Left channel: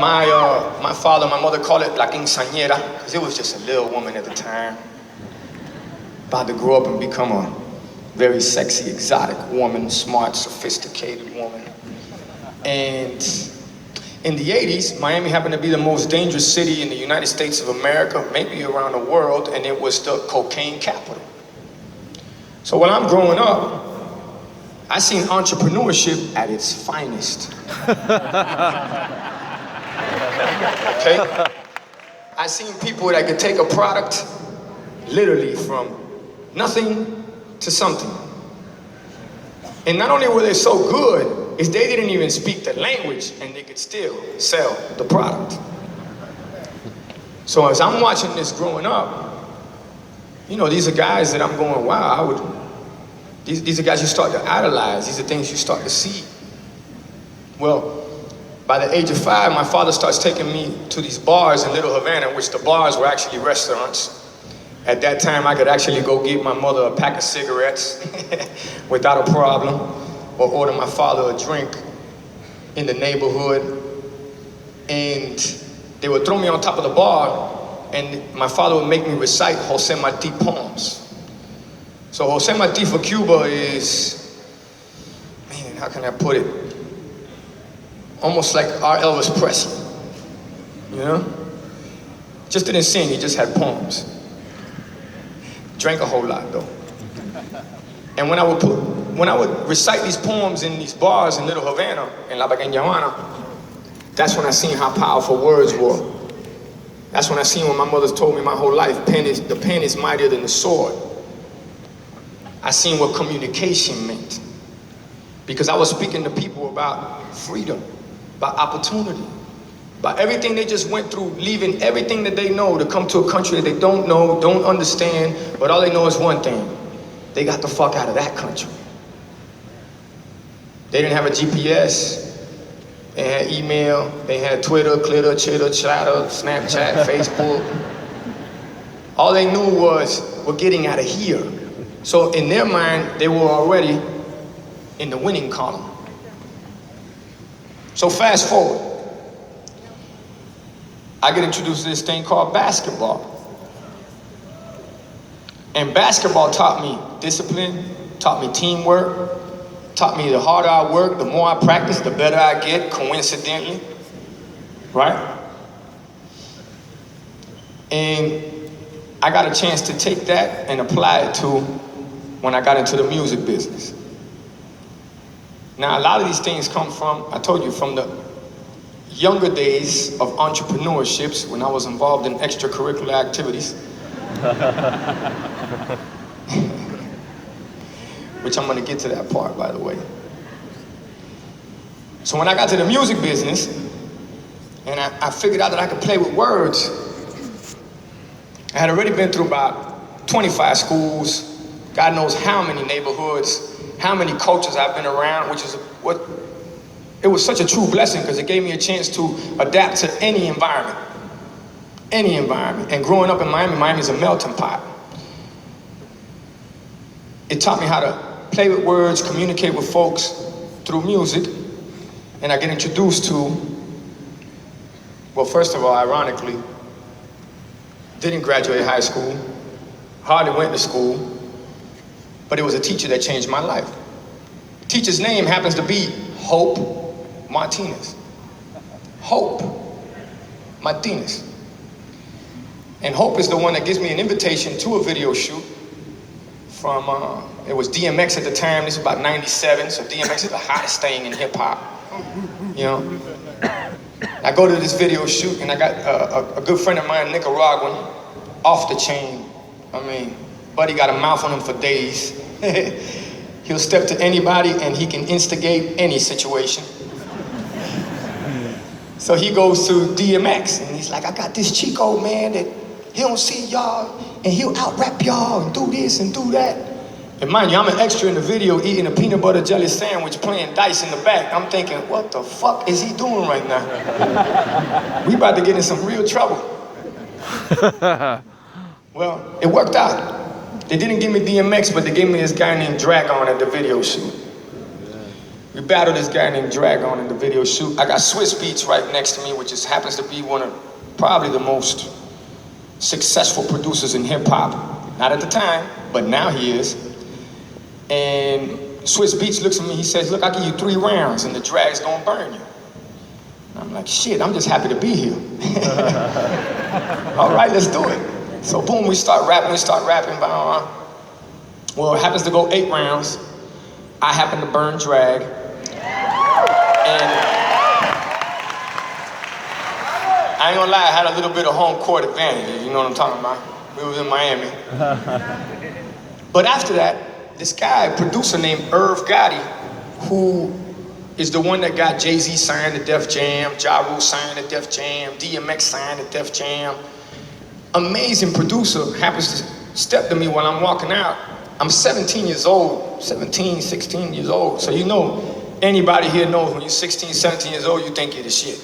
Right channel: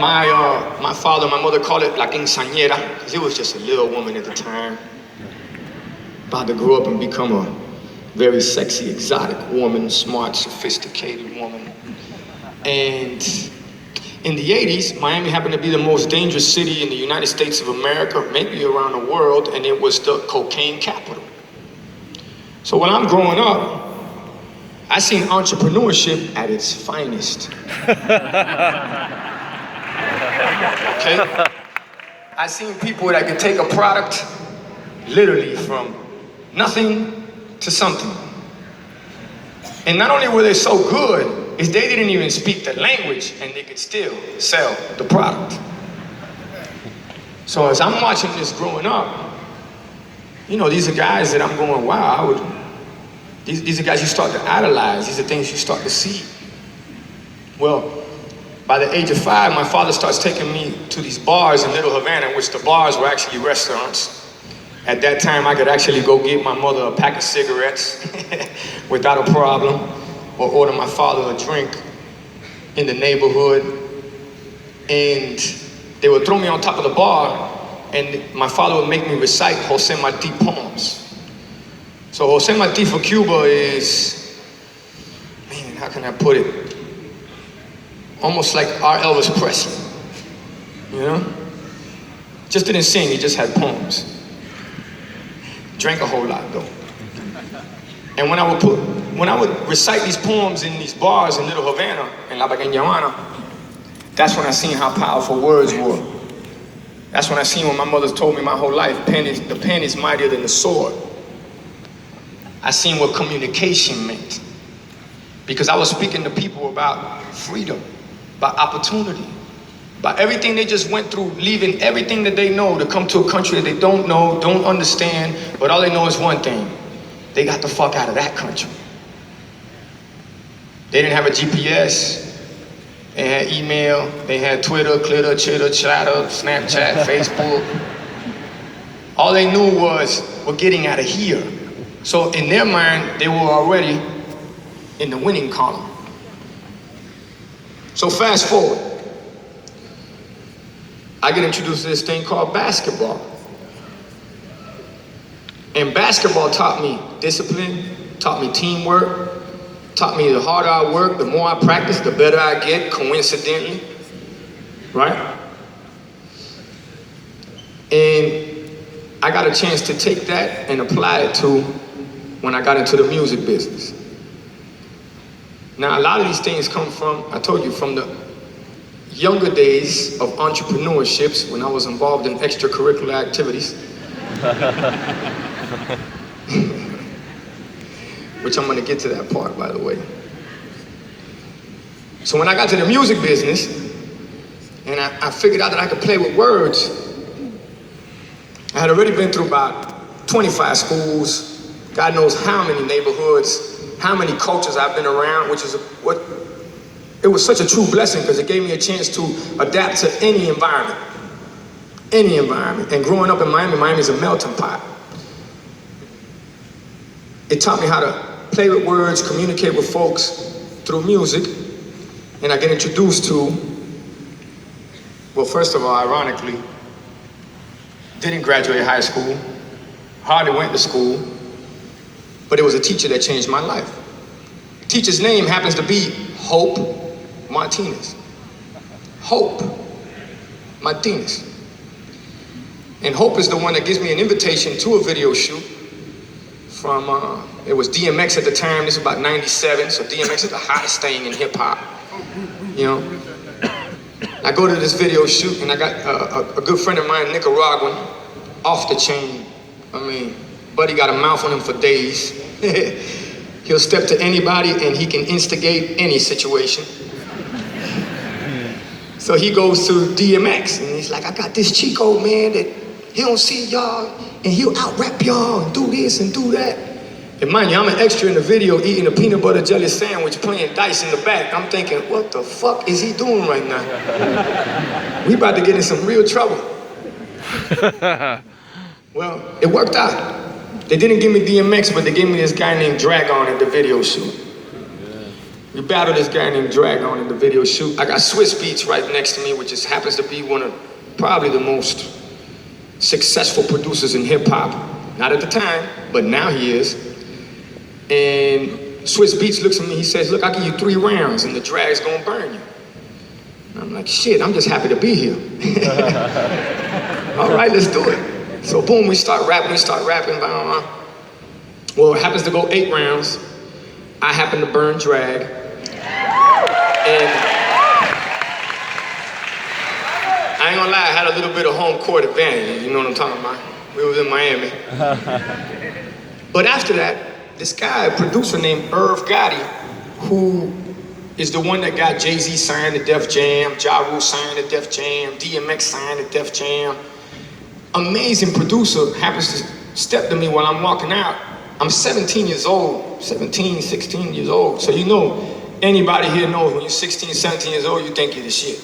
My father and my mother called it la quinceañera, because it was just a little woman at the time, about to grow up and become a very sexy, exotic woman, smart, sophisticated woman. And in the 80s, Miami happened to be the most dangerous city in the United States of America, maybe around the world, and it was the cocaine capital. So when I'm growing up, I seen entrepreneurship at its finest. Okay? I seen people that could take a product literally from nothing to something. And not only were they so good, is they didn't even speak the language and they could still sell the product. So as I'm watching this growing up, you know, these are guys that I'm going, wow, these are guys you start to idolize. These are things you start to see. Well, by the age of 5, my father starts taking me to these bars in Little Havana, which the bars were actually restaurants. At that time, I could actually go get my mother a pack of cigarettes without a problem, or order my father a drink in the neighborhood. And they would throw me on top of the bar, and my father would make me recite Jose Marti poems. So Jose Marti for Cuba is, man, how can I put it? Almost like our Elvis Presley, you know? Just didn't sing, he just had poems. Drank a whole lot though. And when I would recite these poems in these bars in Little Havana, in La Pequeña Habana, that's when I seen how powerful words were. That's when I seen what my mother told me my whole life, the pen is mightier than the sword. I seen what communication meant. Because I was speaking to people about freedom, about opportunity, about everything they just went through, leaving everything that they know to come to a country that they don't know, don't understand, but all they know is one thing. They got the fuck out of that country. They didn't have a GPS. They had email, they had Twitter, Clitter, Chitter, Chatter, Snapchat, Facebook. All they knew was, we're getting out of here. So in their mind, they were already in the winning column. So fast forward. I get introduced to this thing called basketball. And basketball taught me discipline, taught me teamwork, taught me the harder I work, the more I practice, the better I get, coincidentally, right? And I got a chance to take that and apply it to when I got into the music business. Now, a lot of these things come from, I told you, from the younger days of entrepreneurships when I was involved in extracurricular activities. Which I'm gonna get to that part, by the way. So when I got to the music business, and I figured out that I could play with words, I had already been through about 25 schools, God knows how many neighborhoods, how many cultures I've been around, which is what, it was such a true blessing because it gave me a chance to adapt to any environment. Any environment. And growing up in Miami, Miami's a melting pot. It taught me how to play with words, communicate with folks through music, and I get introduced to, well, first of all, ironically, didn't graduate high school, hardly went to school, but it was a teacher that changed my life. The teacher's name happens to be Hope Martinez. Hope Martinez. And Hope is the one that gives me an invitation to a video shoot from, it was DMX at the time, this was about 97, so DMX is the hottest thing in hip hop, you know. I go to this video shoot and I got a good friend of mine, Nicaraguan, off the chain. I mean, buddy got a mouth on him for days. He'll step to anybody and he can instigate any situation. So he goes to DMX and he's like, I got this Chico, man, that he don't see y'all and he'll out-rap y'all and do this and do that. And mind you, I'm an extra in the video eating a peanut butter jelly sandwich, playing dice in the back. I'm thinking, what the fuck is he doing right now? We about to get in some real trouble. Well, it worked out. They didn't give me DMX, but they gave me this guy named Dragon at the video shoot. We battled this guy named Dragon in the video shoot. I got Swiss Beats right next to me, which just happens to be one of probably the most successful producers in hip hop. Not at the time, but now he is. And Swiss Beats looks at me, he says, look, I'll give you 3 rounds and the drag's gonna burn you. And I'm like, shit, I'm just happy to be here. All right, let's do it. So boom, we start rapping. Well, it happens to go 8 rounds. I happen to burn drag. And I ain't gonna lie, I had a little bit of home court advantage, you know what I'm talking about? We was in Miami. But after that, this guy, a producer named Irv Gotti, who is the one that got Jay-Z signed to Def Jam, Ja Rule signed to Def Jam, DMX signed to Def Jam. Amazing producer, happens to step to me while I'm walking out. I'm 17 years old, 17, 16 years old. So you know, anybody here knows when you're 16, 17 years old, you think you're the shit.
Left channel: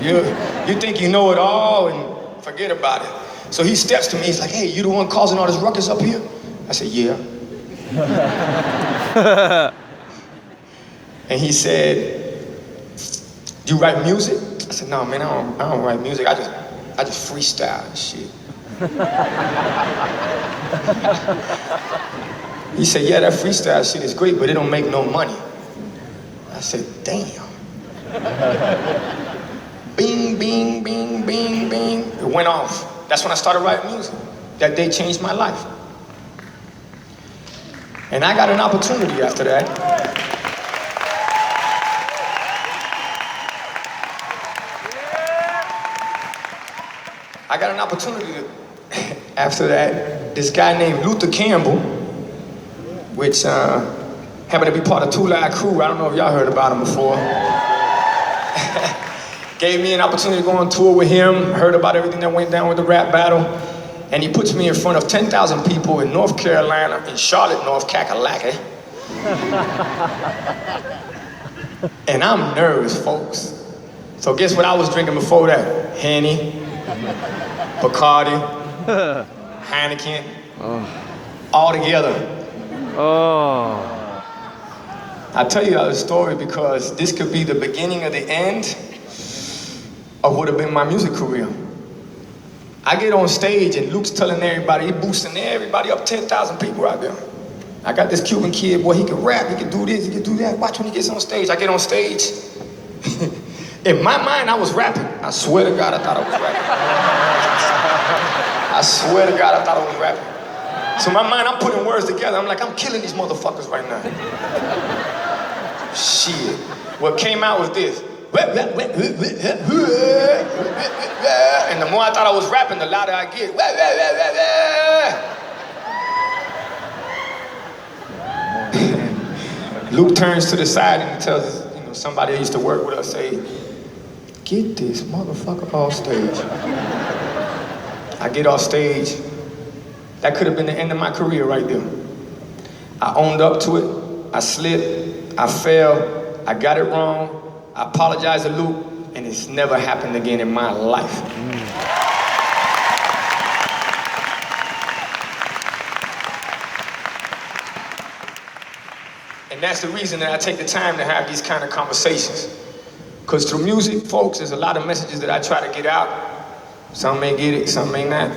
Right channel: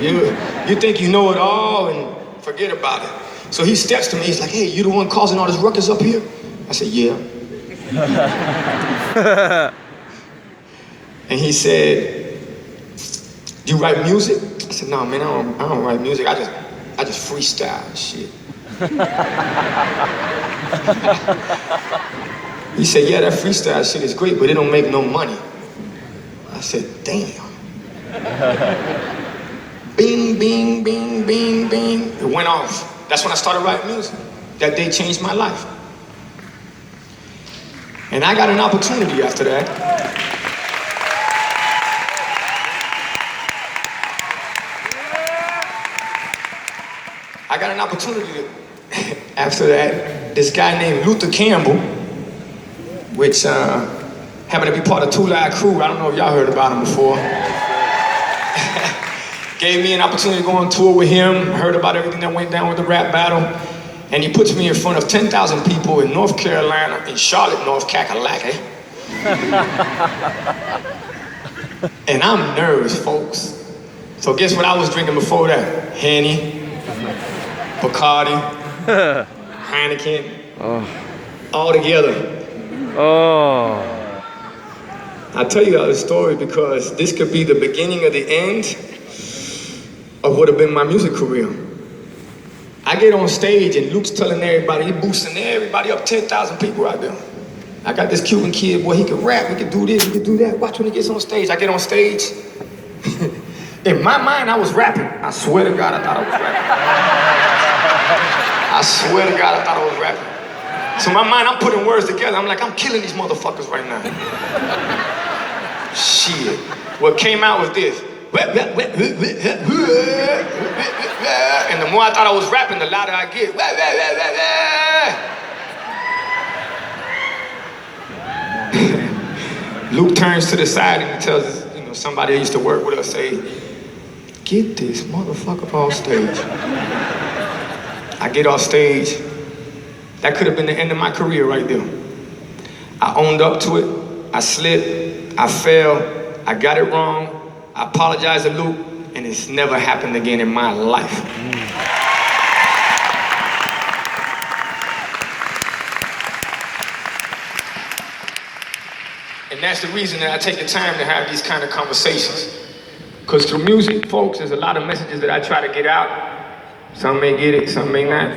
You think you know it all and forget about it. So he steps to me, he's like, hey, you the one causing all this ruckus up here? I said, yeah. And he said, you write music? I said, no, man, I don't write music. I just freestyle and shit. He said, yeah, that freestyle shit is great, but it don't make no money. I said, damn. Bing, bing, bing, bing, bing. It went off. That's when I started writing music. That day changed my life. And I got an opportunity after that. I got an opportunity after that. This guy named Luther Campbell, which happened to be part of Two Live Crew. I don't know if y'all heard about him before. Gave me an opportunity to go on tour with him, heard about everything that went down with the rap battle, and he puts me in front of 10,000 people in North Carolina, in Charlotte, North Kakalaki. And I'm nervous, folks. So guess what I was drinking before that? Henny, Bacardi, Heineken, all together. I'll tell you this story because this could be the beginning of the end of what have been my music career. I get on stage and Luke's telling everybody, he boosting everybody up, 10,000 people out there. I got this Cuban kid, boy, he can rap, he can do this, he can do that. Watch when he gets on stage. I get on stage. In my mind, I was rapping. I swear to God, I thought I was rapping. I swear to God, I thought I was rapping. So in my mind, I'm putting words together. I'm like, I'm killing these motherfuckers right now. Shit. What came out was this. And the more I thought I was rapping, the louder I get. Luke turns to the side and he tells somebody that used to work with us, say, get this motherfucker off stage. I get off stage. That could have been the end of my career right there. I owned up to it. I slipped. I fell. I got it wrong. I apologize to Luke, and it's never happened again in my life. And that's the reason that I take the time to have these kind of conversations. Because through music, folks, there's a lot of messages that I try to get out. Some may get it, some may not.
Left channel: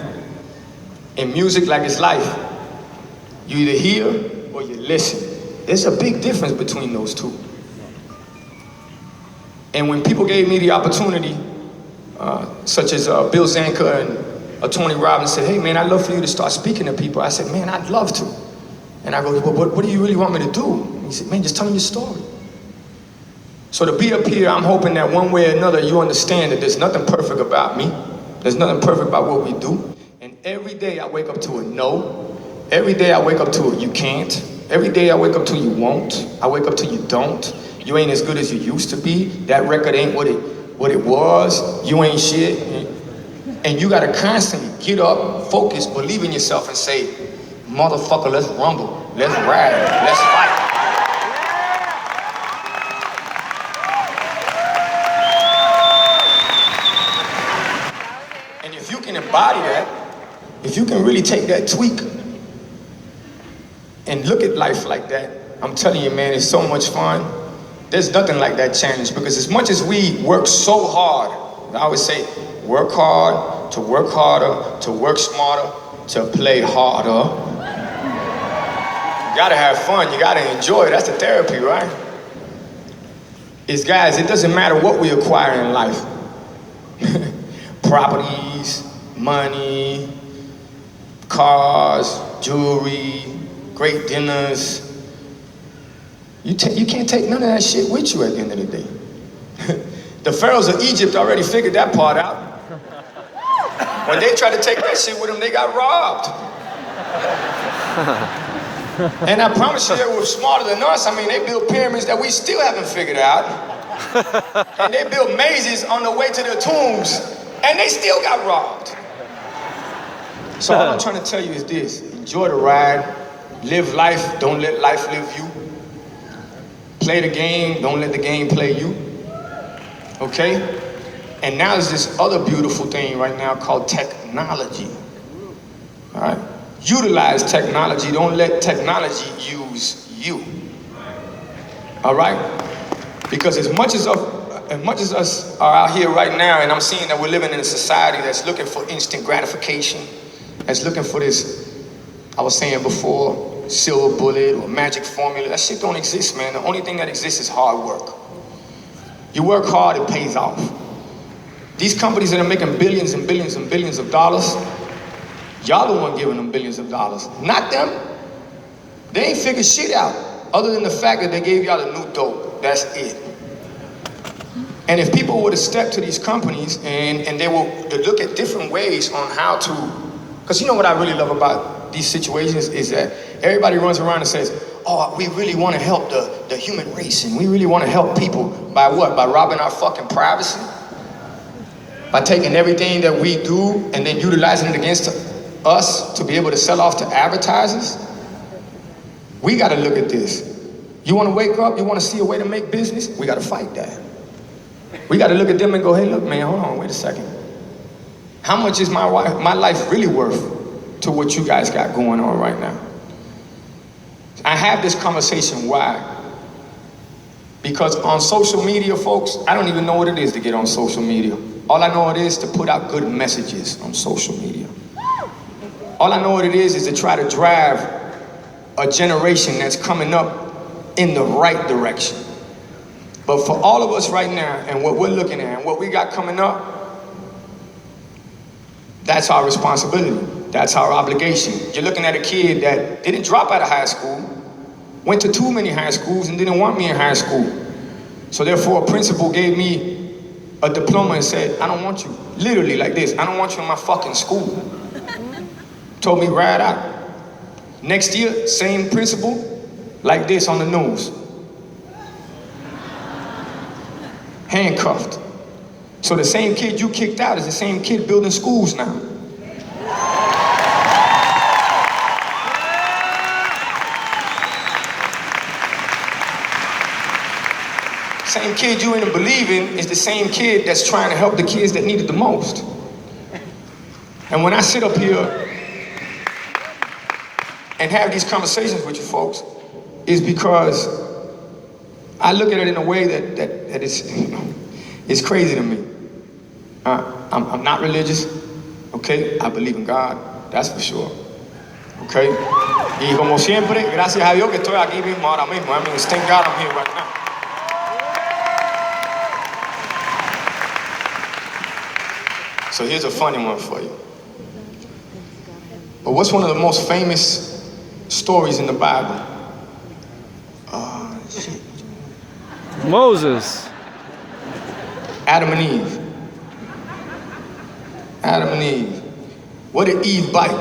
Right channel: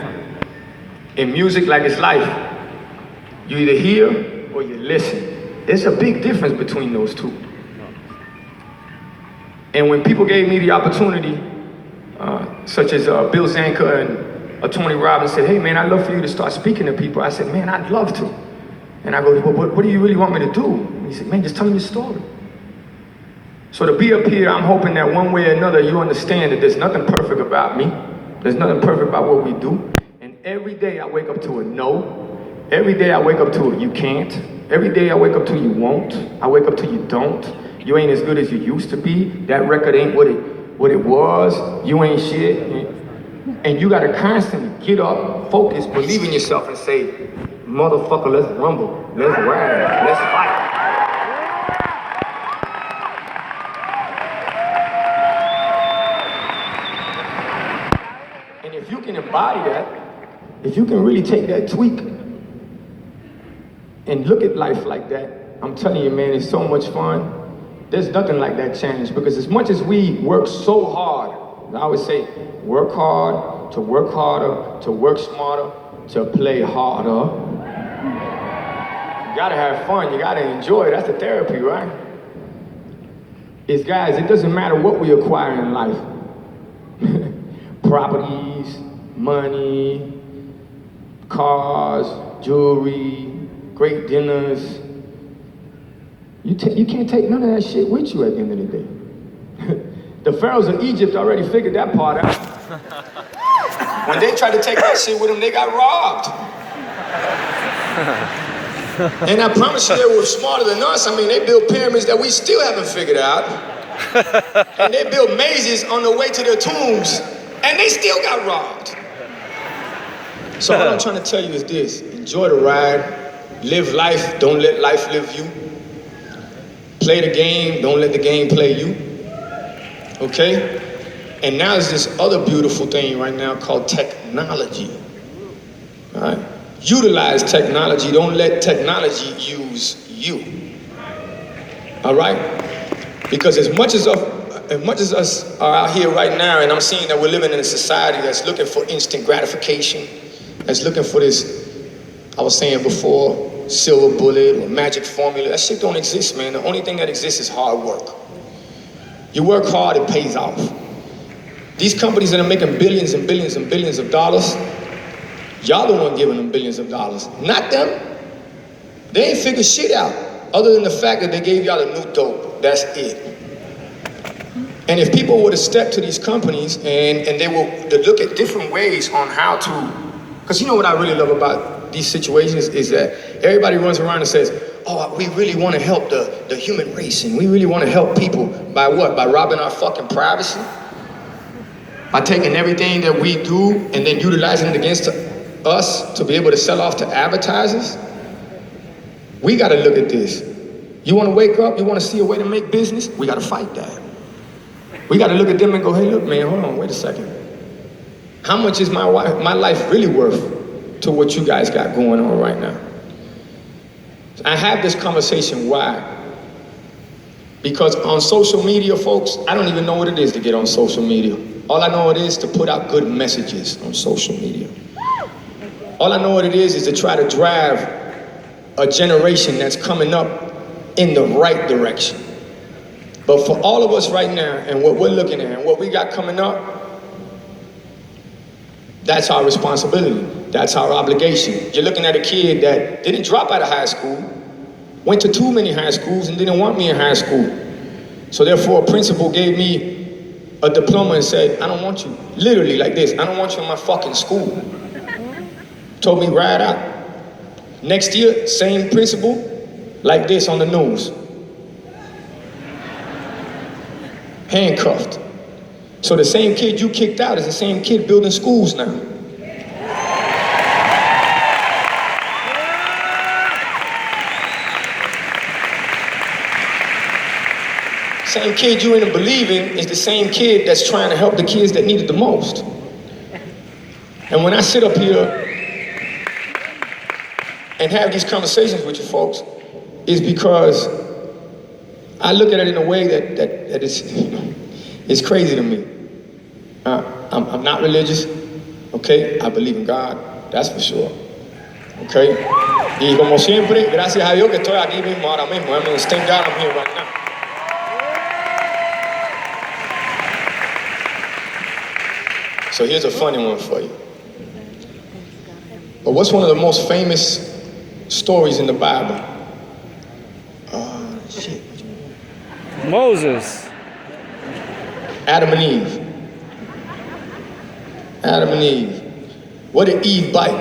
In music, like it's life, you either hear or you listen. There's a big difference between those two. And when people gave me the opportunity, such as Bill Zanka and Tony Robbins said, hey man, I'd love for you to start speaking to people. I said, man, I'd love to. And I go, what do you really want me to do? And he said, man, just tell me your story. So to be up here, I'm hoping that one way or another, you understand that there's nothing perfect about me. There's nothing perfect about what we do. And every day I wake up to a no. Every day I wake up to a you can't. Every day I wake up to you won't. I wake up to you don't. You ain't as good as you used to be. That record ain't what it was. You ain't shit. And you gotta constantly get up, focus, believe in yourself and say, motherfucker, let's rumble, let's ride, let's fight. And if you can embody that, if you can really take that tweak and look at life like that, I'm telling you, man, it's so much fun. There's nothing like that challenge, because as much as we work so hard, I always say, work hard, to work harder, to work smarter, to play harder. You gotta have fun, you gotta enjoy it, that's the therapy, right? Guys, it doesn't matter what we acquire in life. Properties, money, cars, jewelry, great dinners. You can't take none of that shit with you at the end of the day. The pharaohs of Egypt already figured that part out. When they tried to take that shit with them, they got robbed. And I promise you, they were smarter than us. I mean, they built pyramids that we still haven't figured out. And they built mazes on the way to their tombs, and they still got robbed. So all I'm trying to tell you is this: enjoy the ride, live life, don't let life live you. Play the game, don't let the game play you. Okay? And now there's this other beautiful thing right now called technology. All right? Utilize technology, don't let technology use you. All right? Because as much as us are out here right now, and I'm seeing that we're living in a society that's looking for instant gratification, that's looking for this, I was saying before, silver bullet or magic formula. That shit don't exist, man. The only thing that exists is hard work. You work hard, it pays off. These companies that are making billions and billions and billions of dollars, y'all the one giving them billions of dollars, not them. They ain't figured shit out, other than the fact that they gave y'all a new dope. That's it. And if people were to step to these companies and they were to look at different ways on how to, because you know what I really love about these situations is that everybody runs around and says, oh, we really want to help the human race, and we really want to help people by what? By robbing our fucking privacy? By taking everything that we do and then utilizing it against us to be able to sell off to advertisers? We got to look at this. You want to wake up, you want to see a way to make business? We got to fight that. We got to look at them and go, hey, look, man, hold on, wait a second. How much is my life really worth to what you guys got going on right now? I have this conversation, why? Because on social media, folks, I don't even know what it is to get on social media. All I know what it is to put out good messages on social media. All I know what it is to try to drive a generation that's coming up in the right direction. But for all of us right now, and what we're looking at, and what we got coming up, that's our responsibility. That's our obligation. You're looking at a kid that didn't drop out of high school, went to too many high schools and didn't want me in high school. So therefore, a principal gave me a diploma and said, I don't want you. Literally like this, I don't want you in my fucking school. Told me right out. Next year, same principal, like this on the news. Handcuffed. So the same kid you kicked out is the same kid building schools now. Same kid you didn't believe in is the same kid that's trying to help the kids that need it the most. And when I sit up here and have these conversations with you folks, is because I look at it in a way that is, it's crazy to me. I'm not religious, okay? I believe in God, that's for sure, okay? Y como siempre, gracias a Dios que estoy aquí mismo ahora mismo. I mean, thank God I'm here right now. So here's a funny one for you. But what's one of the most famous stories in the Bible? Shit. Moses. Adam and Eve. Adam and Eve. What did Eve bite?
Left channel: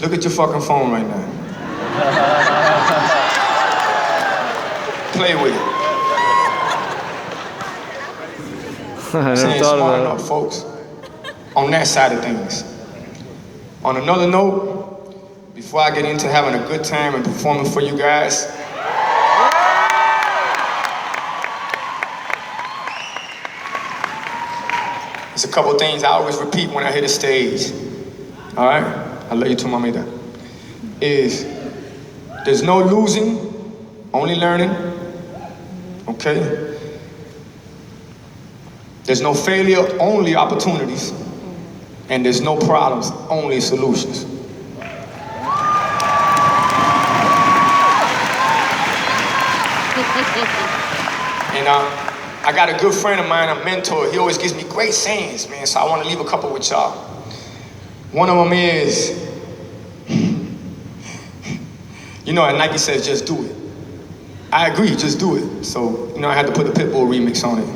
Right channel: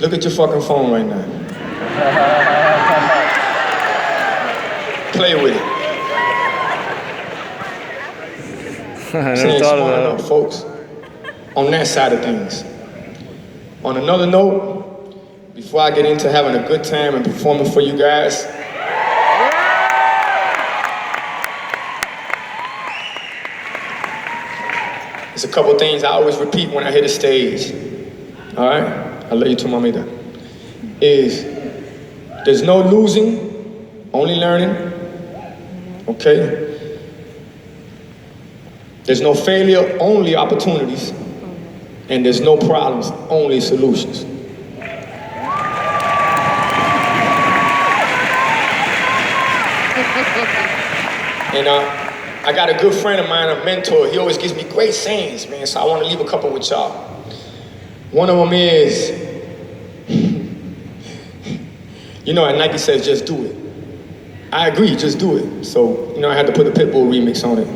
Look at your fucking phone right now. Play with it. I never thought about it. Folks, on that side of things. On another note, before I get into having a good time and performing for you guys, there's a couple things I always repeat when I hit a stage. All right? I love you too, mamita. Is there's no losing, only learning. okay? There's no failure, only opportunities. And there's no problems, only solutions. And I got a good friend of mine, a mentor. He always gives me great sayings, man, so I want to leave a couple with y'all. One of them is, you know, Nike says, just do it. I agree, just do it. So, you know, I had to put the Pitbull remix on it.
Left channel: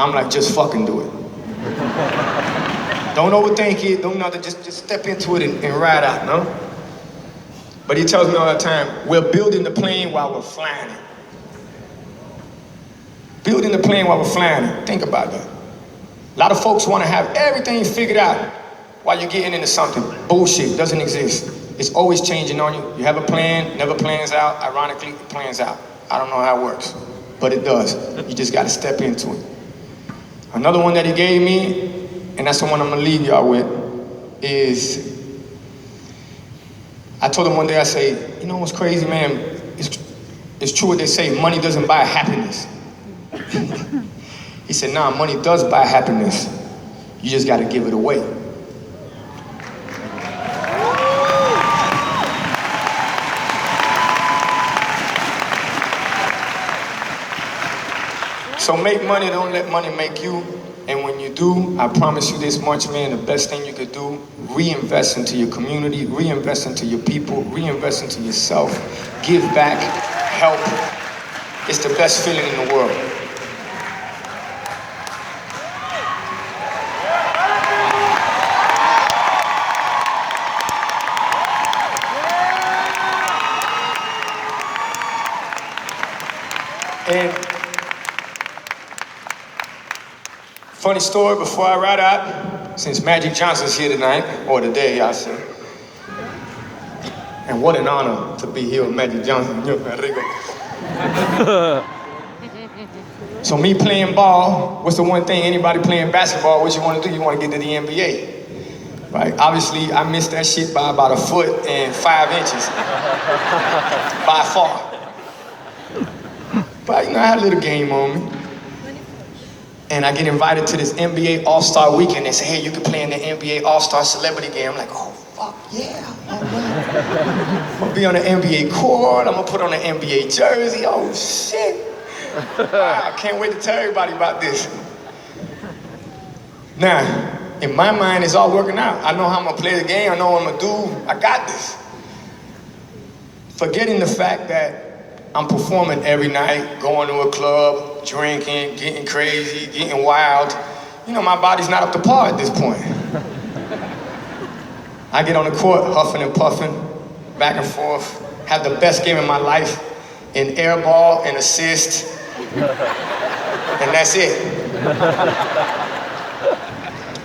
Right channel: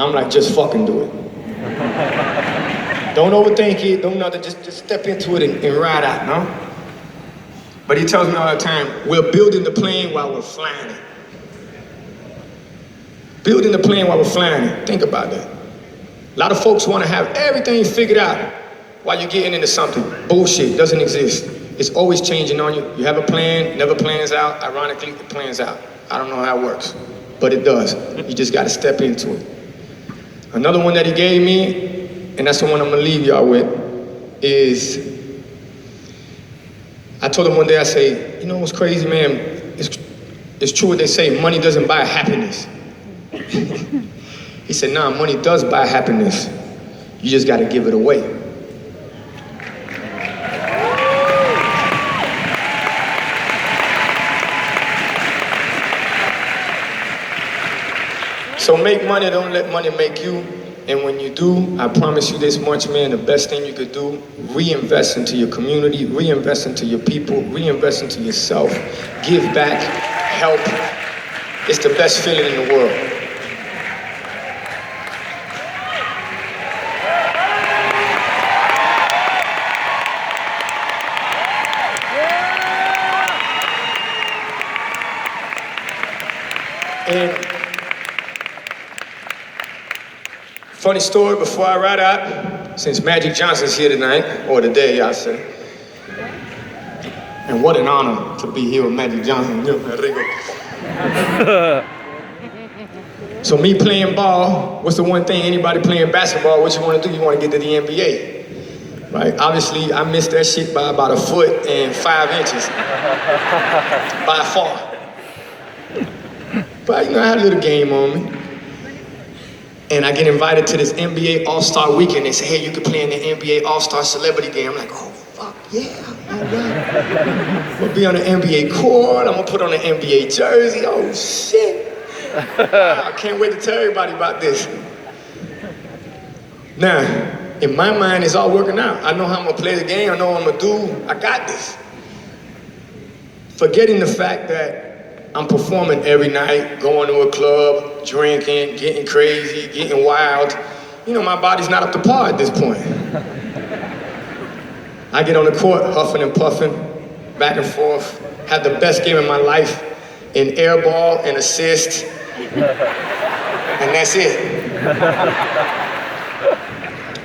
I'm like, just fucking do it. Don't overthink it, don't nothing, just step into it and ride out, no? But he tells me all the time, we're building the plane while we're flying it. Building the plane while we're flying it. Think about that. A lot of folks want to have everything figured out while you're getting into something. Bullshit, doesn't exist. It's always changing on you. You have a plan, never plans out. Ironically, it plans out. I don't know how it works, but it does. You just got to step into it. Another one that he gave me, and that's the one I'm gonna leave y'all with, is, I told him one day, I say, you know what's crazy, man? It's true what they say, money doesn't buy happiness. He said, nah, money does buy happiness. You just gotta give it away. So make money, don't let money make you. And when you do, I promise you this much, man, the best thing you could do, reinvest into your community, reinvest into your people, reinvest into yourself, give back, help. It's the best feeling in the world. And funny story before I ride out, since Magic Johnson's here tonight, or today, I say. And what an honor to be here with Magic Johnson. So me playing ball, what's the one thing anybody playing basketball, what you want to do? You want to get to the NBA, right? Obviously, I missed that shit by about 1 foot and 5 inches, by far. But you know, I had a little game on me. And I get invited to this NBA All-Star Weekend. They say, hey, you can play in the NBA All-Star Celebrity Game. I'm like, oh, fuck, yeah. I'm gonna be on the NBA court. I'm gonna put on an NBA jersey. Oh, shit. I can't wait to tell everybody about this. Now, in my mind, it's all working out. I know how I'm gonna play the game. I know what I'm gonna do. I got this. Forgetting the fact that I'm performing every night, going to a club, drinking, getting crazy, getting wild. You know, my body's not up to par at this point. I get on the court, huffing and puffing, back and forth, have the best game of my life in air ball and assist, and that's it.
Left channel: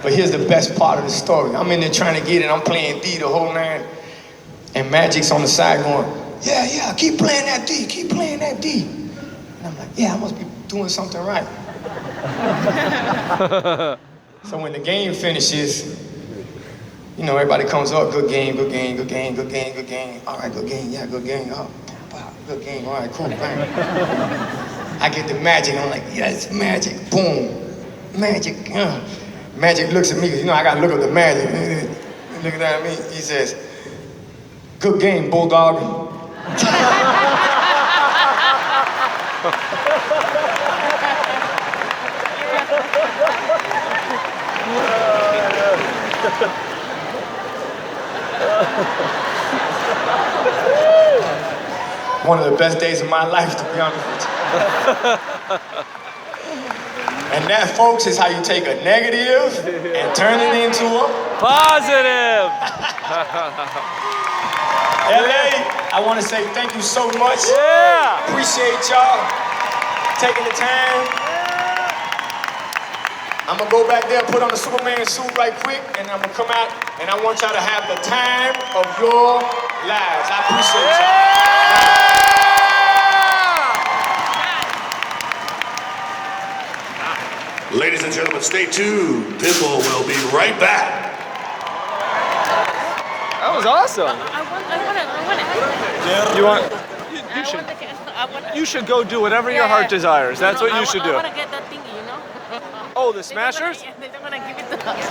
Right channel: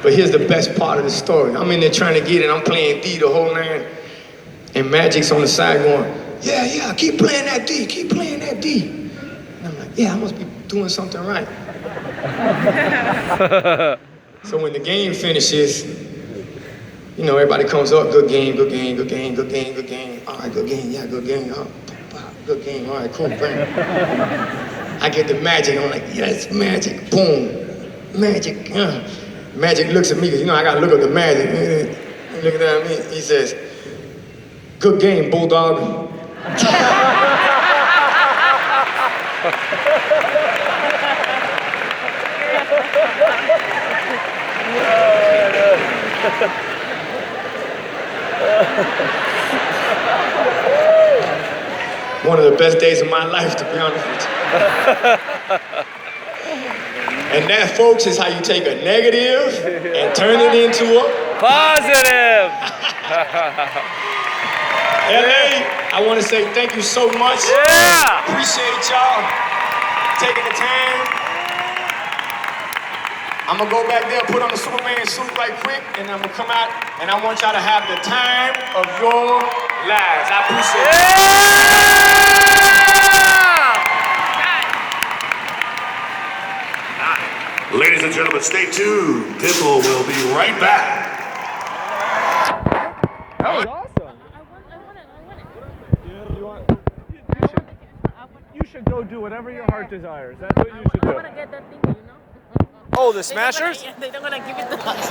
But here's the best part of the story. I'm in there trying to get it, I'm playing D the whole night, and Magic's on the side going, yeah, keep playing that D, keep playing that D. And I'm like, yeah, I must be doing something right. So when the game finishes, you know, everybody comes up, good game, good game, good game, good game, good game. All right, good game, yeah, good game. Oh, good game, all right, cool, bang. I get the Magic, I'm like, yes, Magic, boom, Magic. Magic looks at me, because you know, I gotta look at the Magic. Looking at me, he says, good game, Bulldog. One of the best days of my life, to be honest with you. And that, folks, is how you take a negative and turn it into a positive. LA, I want to say thank you so much. Yeah. Appreciate y'all taking the time. I'm gonna go back there, put on the Superman suit right quick, and I'm gonna come out, and I want y'all to have the time of your lives. I appreciate it. Ladies and gentlemen, stay tuned. Pitbull will be right back. That was awesome. I want it. You want? I want the You should go do whatever your heart desires. That's what you should I do. want to get that thingy, you know? Oh, the They're not gonna- Smashers? They're not gonna give it to us.